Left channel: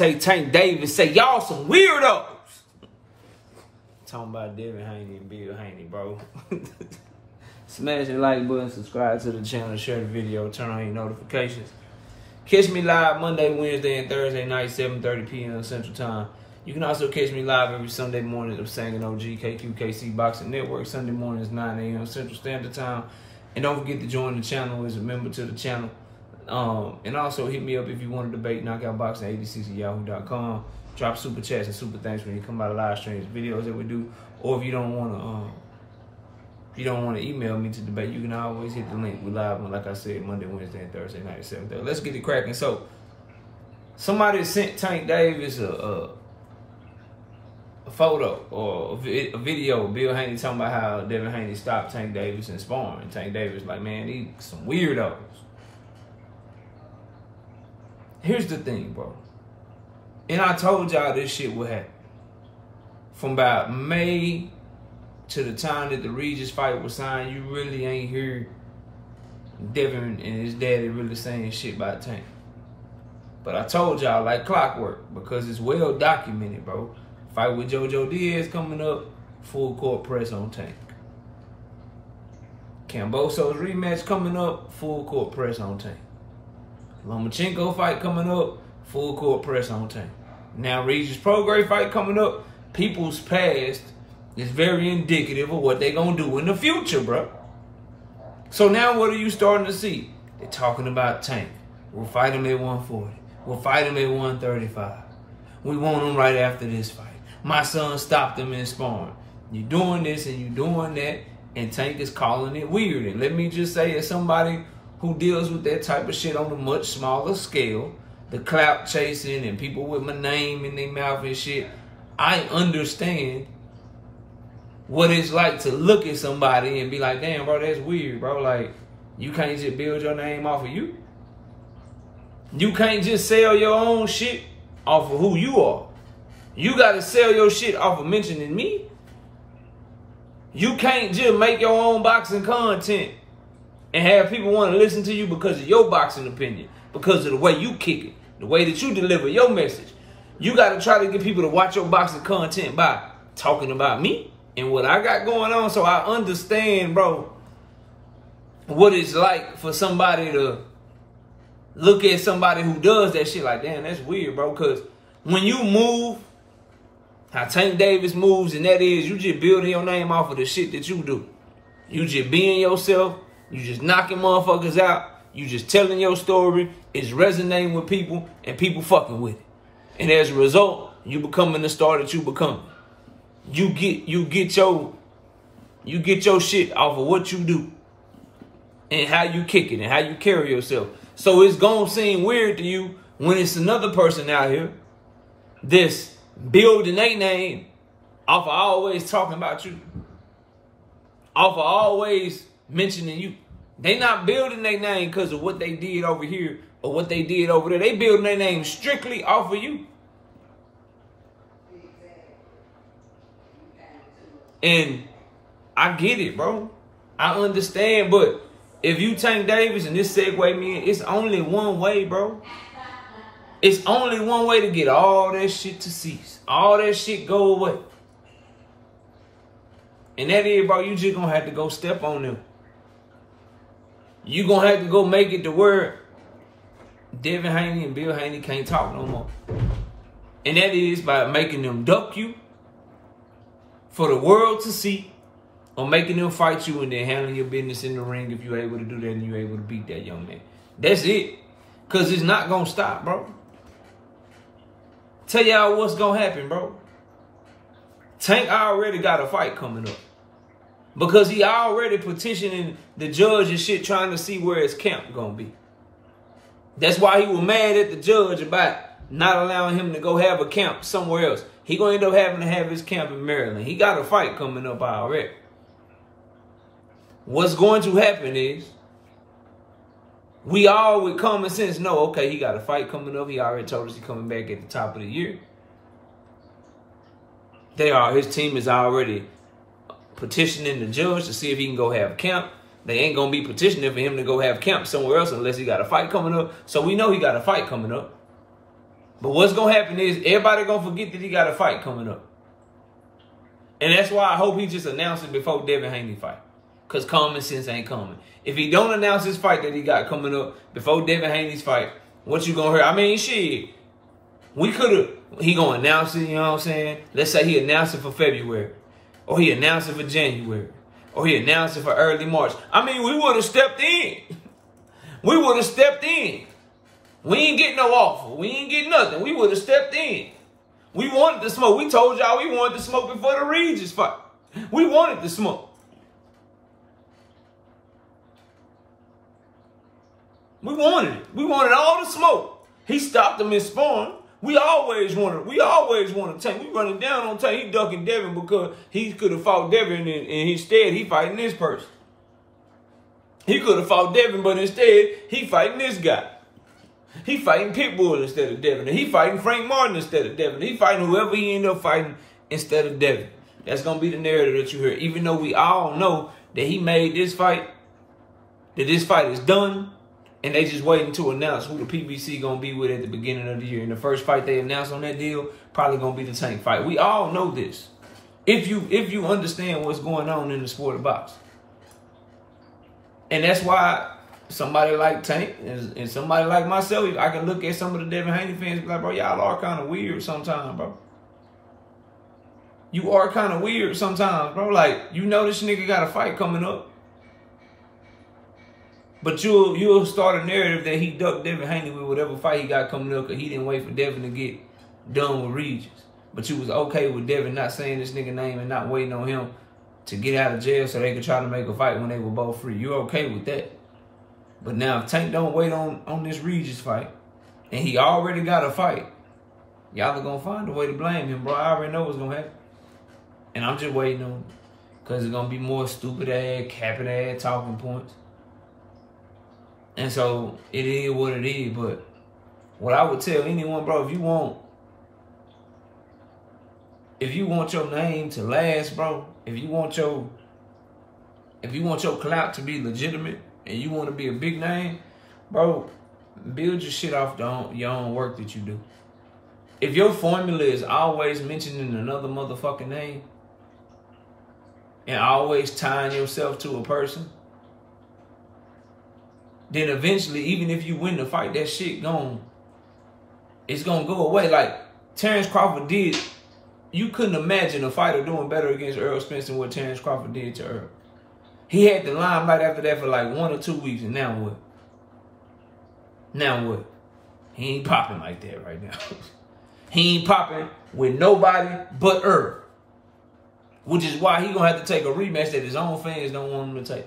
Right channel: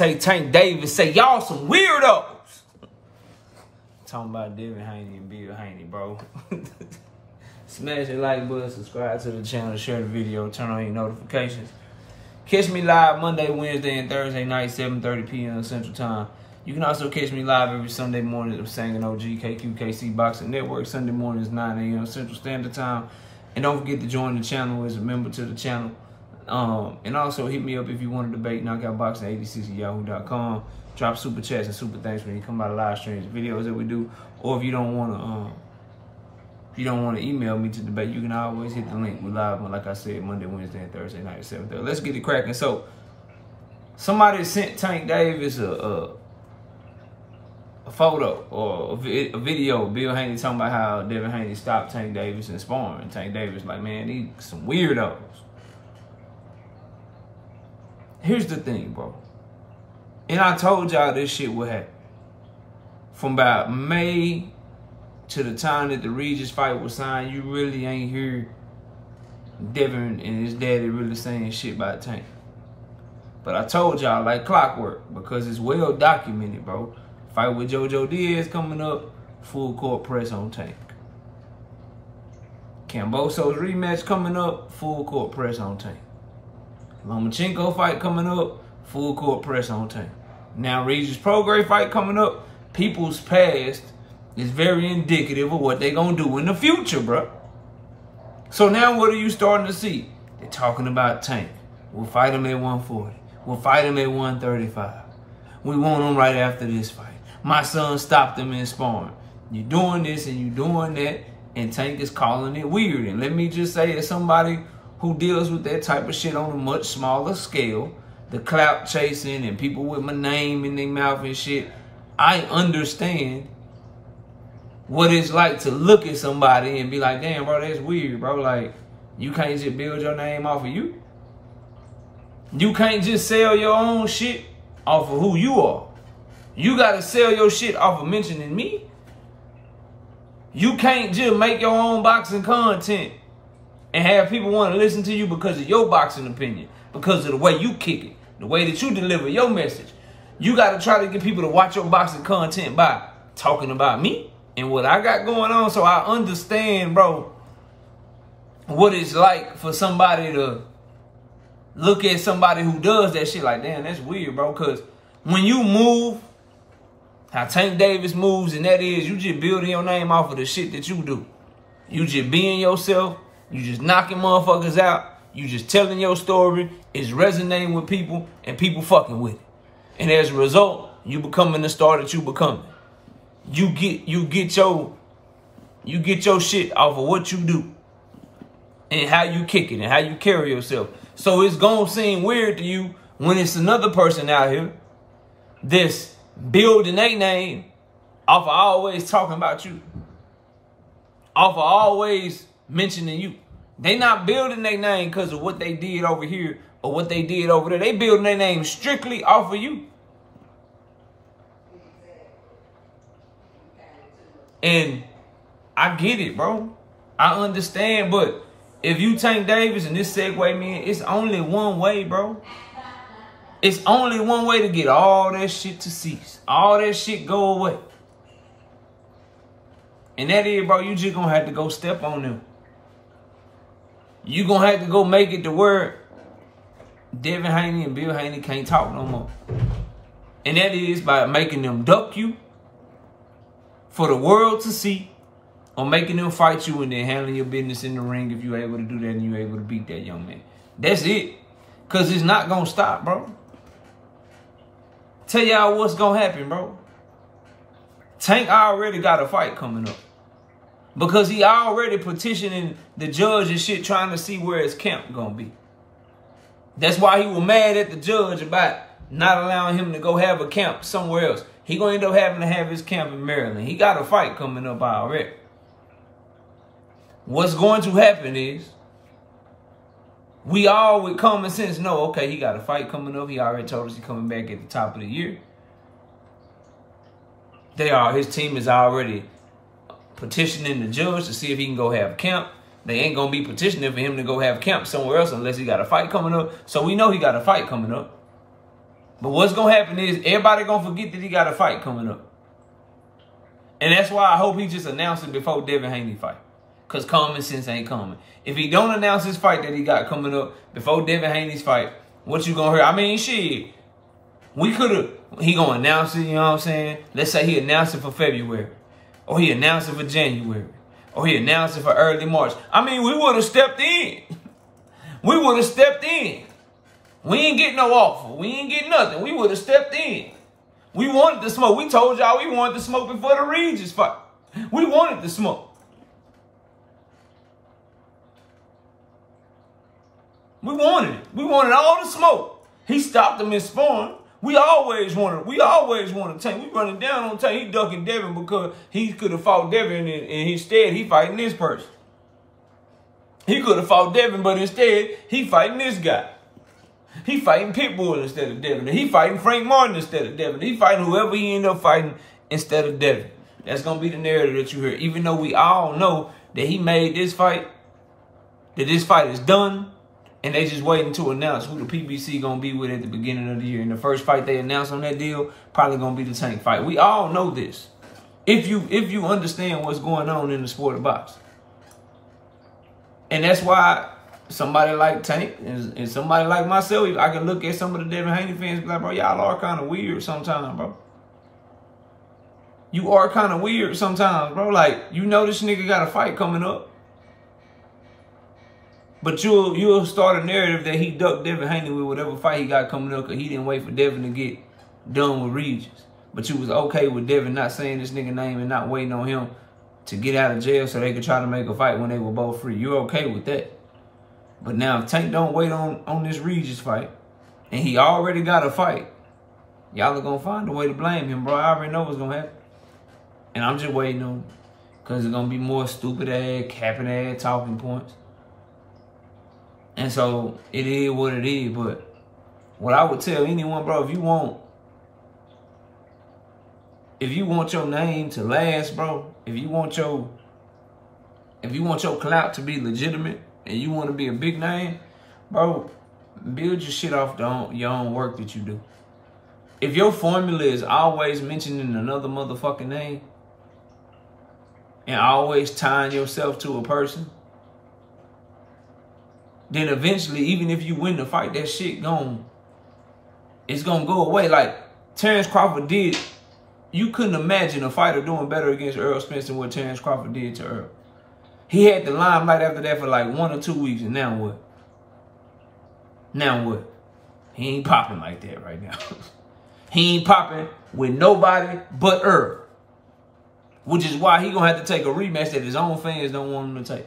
Gervonta, Tank Davis say, y'all some weirdos. Talking about Devin, Haney, and Bill Haney, bro. Smash the like button, subscribe to the channel, share the video, turn on your notifications. Catch me live Monday, Wednesday, and Thursday night, 7:30 p.m. Central Time. You can also catch me live every Sunday morning at Sangin OG, KQKC Boxing Network. Sunday mornings, 9 a.m. Central Standard Time. And don't forget to join the channel as a member to the channel. And also hit me up if you want to debate, knockoutboxing86@yahoo.com. Drop super chats and super thanks when you come by the live streams, videos that we do. Or if you don't want to email me to debate, you can always hit the link. We're live on, like I said, Monday, Wednesday, and Thursday night at 7:30. Let's get it cracking. So, somebody sent Tank Davis a photo or a video of Bill Haney talking about how Devin Haney stopped Tank Davis in sparring. Tank Davis like, man, these some weirdos. Here's the thing, bro. And I told y'all this shit would happen. From about May to the time that the Regis fight was signed, you really ain't hear Devin and his daddy really saying shit about Tank. But I told y'all like clockwork, because it's well documented, bro. Fight with JoJo Diaz coming up, full court press on Tank. Kambosos rematch coming up, full court press on Tank. Lomachenko fight coming up, full court press on Tank. Now Regis Prograis fight coming up, people's past is very indicative of what they gonna do in the future, bro. So now what are you starting to see? They're talking about Tank. We'll fight him at 140. We'll fight him at 135. We want him right after this fight. My son stopped him in sparring. You're doing this and you're doing that, and Tank is calling it weird. And let me just say, as somebody who deals with that type of shit on a much smaller scale, the clout chasing and people with my name in their mouth and shit, I understand what it's like to look at somebody and be like, damn, bro, that's weird, bro. Like, you can't just build your name off of you. You can't just sell your own shit off of who you are. You got to sell your shit off of mentioning me. You can't just make your own boxing content and have people want to listen to you because of your boxing opinion, because of the way you kick it, the way that you deliver your message. You got to try to get people to watch your boxing content by talking about me and what I got going on. So I understand, bro, what it's like for somebody to look at somebody who does that shit like, damn, that's weird, bro. Because when you move, how Tank Davis moves, and that is, you just building your name off of the shit that you do. You just being yourself. You just knocking motherfuckers out. You just telling your story. It's resonating with people, and people fucking with it. And as a result, you becoming the star that you becoming. You get your shit off of what you do and how you kick it and how you carry yourself. So it's gonna seem weird to you when it's another person out here that's building their name off of always talking about you, off of always mentioning you. They not building their name because of what they did over here or what they did over there. They building their name strictly off of you. And I get it, bro. I understand, but if you Tank Davis and this segue me in, it's only one way, bro. It's only one way to get all that shit to cease. All that shit go away. And that is, bro, you just gonna have to go step on them. You gonna have to go make it to where Devin Haney and Bill Haney can't talk no more. And that is by making them duck you for the world to see, or making them fight you and then handling your business in the ring if you're able to do that and you're able to beat that young man. That's it. Because it's not going to stop, bro. Tell y'all what's going to happen, bro. Tank already got a fight coming up. Because he already petitioning the judge and shit trying to see where his camp going to be. That's why he was mad at the judge about not allowing him to go have a camp somewhere else. He going to end up having to have his camp in Maryland. He got a fight coming up already. What's going to happen is, we all with common sense know, okay, he got a fight coming up. He already told us he's coming back at the top of the year. His team is already petitioning the judge to see if he can go have camp. They ain't going to be petitioning for him to go have camp somewhere else unless he got a fight coming up. So we know he got a fight coming up. But what's going to happen is everybody going to forget that he got a fight coming up. And that's why I hope he just announces it before Devin Haney fight. Because common sense ain't coming. If he don't announce his fight that he got coming up before Devin Haney's fight, what you going to hear? I mean, shit. We could have, he going to announce it, you know what I'm saying? Let's say he announced it for February. Or he announced it for January. Or he announced it for early March. I mean, we would have stepped in. We would have stepped in. We ain't get no offer. We ain't get nothing. We would have stepped in. We wanted the smoke. We told y'all we wanted the smoke before the Regis fight. We wanted the smoke. We wanted it. We wanted all the smoke. He stopped him in sparring. We always wanted Tank. We running down on Tank. He ducking Devin because he could have fought Devin and instead he fighting this person. He could have fought Devin, but instead he fighting this guy. He fighting Pitbull instead of Devin. He fighting Frank Martin instead of Devin. He fighting whoever he end up fighting instead of Devin. That's going to be the narrative that you hear. Even though we all know that he made this fight, that this fight is done, and they just waiting to announce who the PBC going to be with at the beginning of the year. And the first fight they announce on that deal probably going to be the Tank fight. We all know this. If you understand what's going on in the sport of boxing. And that's why somebody like Tank and somebody like myself, I can look at some of the Devin Haney fans and be like, bro, y'all are kind of weird sometimes, bro. You are kind of weird sometimes, bro. Like, you know this nigga got a fight coming up. But you'll start a narrative that he ducked Devin Haney with whatever fight he got coming up because he didn't wait for Devin to get done with Regis. But you was okay with Devin not saying this nigga name and not waiting on him to get out of jail so they could try to make a fight when they were both free. You're okay with that. But now if Tank don't wait on this Regis fight and he already got a fight, y'all are going to find a way to blame him, bro. I already know what's going to happen. And I'm just waiting on it because it's going to be more stupid-ass, capping-ass talking points. And so it is what it is. But what I would tell anyone, bro, if you want your name to last, bro, if you want your clout to be legitimate and you want to be a big name, bro, build your shit off your own work that you do. If your formula is always mentioning another motherfucking name and always tying yourself to a person, then eventually, even if you win the fight, that shit it's gonna go away. Like Terrence Crawford did. You couldn't imagine a fighter doing better against Errol Spence than what Terrence Crawford did to Earl. He had the limelight after that for like 1 or 2 weeks, and now what? Now what? He ain't popping like that right now. He ain't popping with nobody but Earl. Which is why he gonna have to take a rematch that his own fans don't want him to take.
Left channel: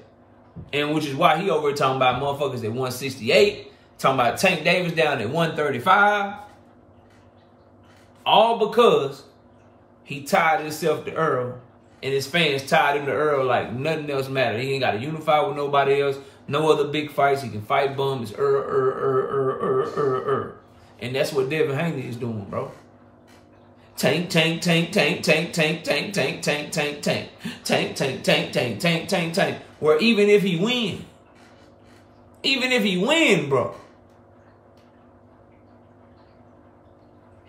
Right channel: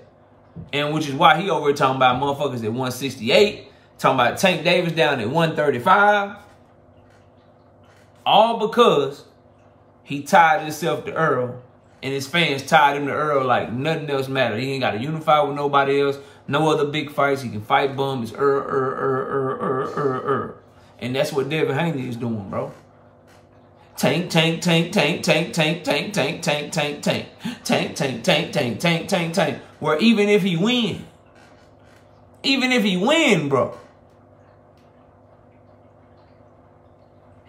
And which is why he over here talking about motherfuckers at 168, talking about Tank Davis down at 135. All because he tied himself to Earl, and his fans tied him to Earl like nothing else mattered. He ain't got to unify with nobody else. No other big fights. He can fight bum. It's Earl. And that's what Devin Haney is doing, bro. Tank, tank, tank, tank, tank, tank, tank, tank, tank, tank, tank, tank, tank, tank, tank, tank, tank, tank. Where even if he win, bro,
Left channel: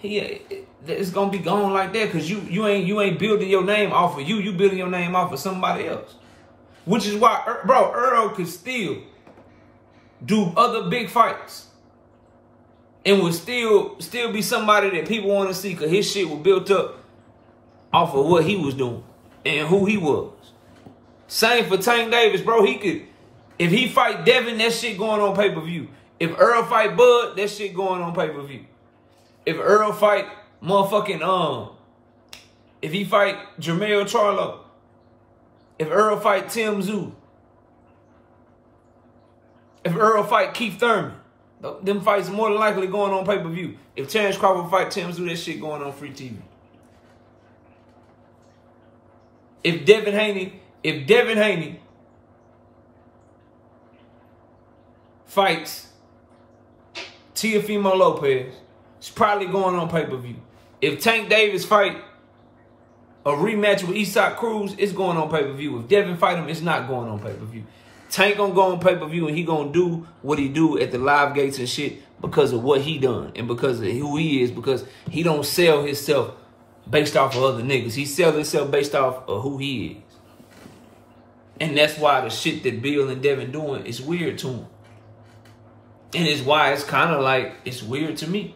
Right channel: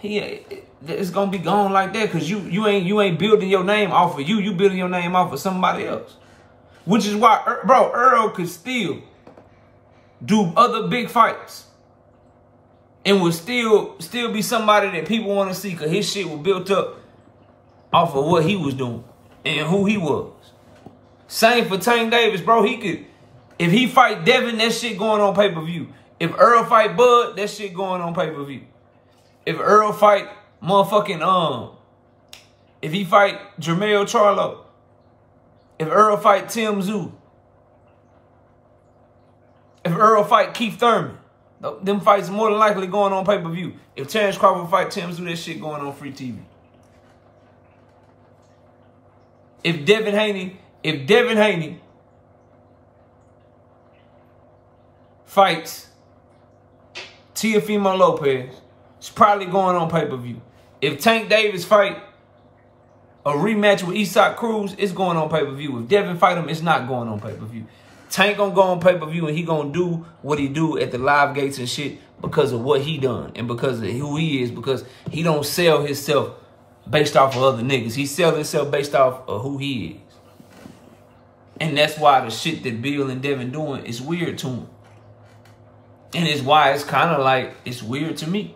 it's gonna be gone like that because you ain't building your name off of you. You building your name off of somebody else. Which is why, bro, Earl could still do other big fights and would still be somebody that people want to see because his shit was built up off of what he was doing and who he was. Same for Tank Davis, bro. He could, if he fight Devin, that shit going on pay-per-view. If Earl fight Bud, that shit going on pay-per-view. If Earl fight motherfucking, if he fight Jermell Charlo, if Earl fight Tim Tszyu, if Earl fight Keith Thurman, them fights more than likely going on pay-per-view. If Terrence Crawford fight Tim Tszyu, that shit going on free TV. If Devin Haney fights Teofimo Lopez, it's probably going on pay-per-view. If Tank Davis fight a rematch with Isak Cruz, it's going on pay-per-view. If Devin fight him, it's not going on pay-per-view. Tank gonna go on pay-per-view and he gonna do what he do at the live gates and shit because of what he done and because of who he is, because he don't sell himself based off of other niggas. He sell himself based off of who he is. And that's why the shit that Bill and Devin doing is weird to him. And it's why it's kind of like, it's weird to me.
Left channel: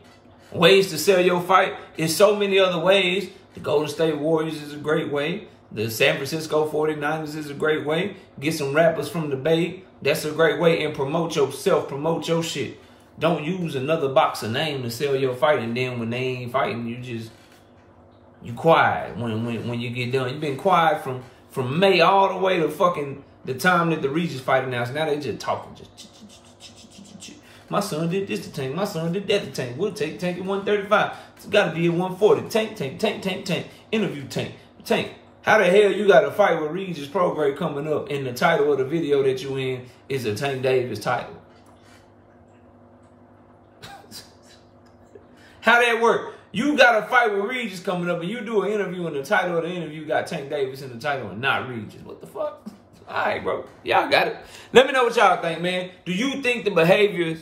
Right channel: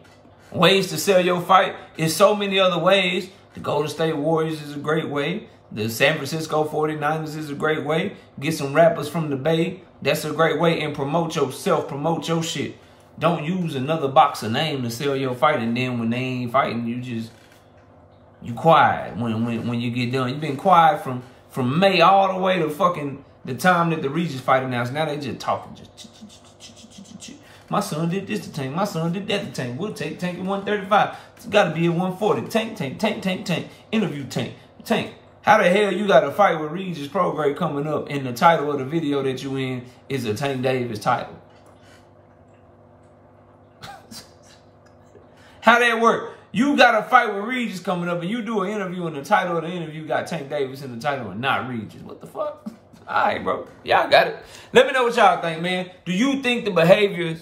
Ways to sell your fight is so many other ways. The Golden State Warriors is a great way. The San Francisco 49ers is a great way. Get some rappers from the Bay. That's a great way. And promote yourself. Promote your shit. Don't use another boxer name to sell your fight. And then when they ain't fighting, you quiet when you get done. You've been quiet from May all the way to fucking the time that the Regis fight announced. Now they just talking. My son did this to Tank. My son did that to Tank. We'll take Tank at 135. It's got to be at 140. Tank. Interview Tank. Tank. How the hell you got a fight with Regis Prograde coming up and the title of the video that you in is a Tank Davis title? How that work? You got a fight with Regis coming up and you do an interview and the title of the interview got Tank Davis in the title and not Regis. What the fuck? All right, bro. Y'all got it. Let me know what y'all think, man. Do you think the behaviors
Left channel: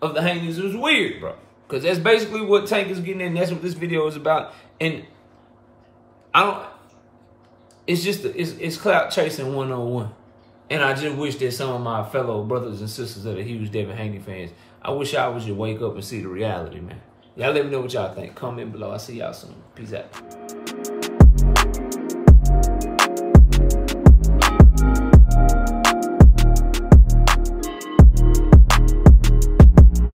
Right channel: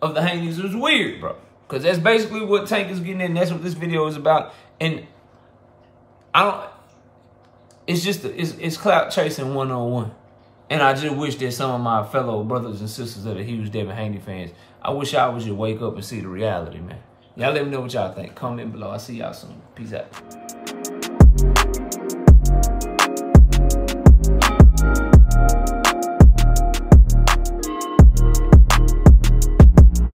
of the Haneys is weird, bro? Because that's basically what Tank is getting in. That's what this video is about. And it's just, it's clout chasing one-on-one. And I just wish that some of my fellow brothers and sisters that are huge Devin Haney fans, I wish I would just wake up and see the reality, man. Y'all let me know what y'all think. Comment below. I'll see y'all soon. Peace out.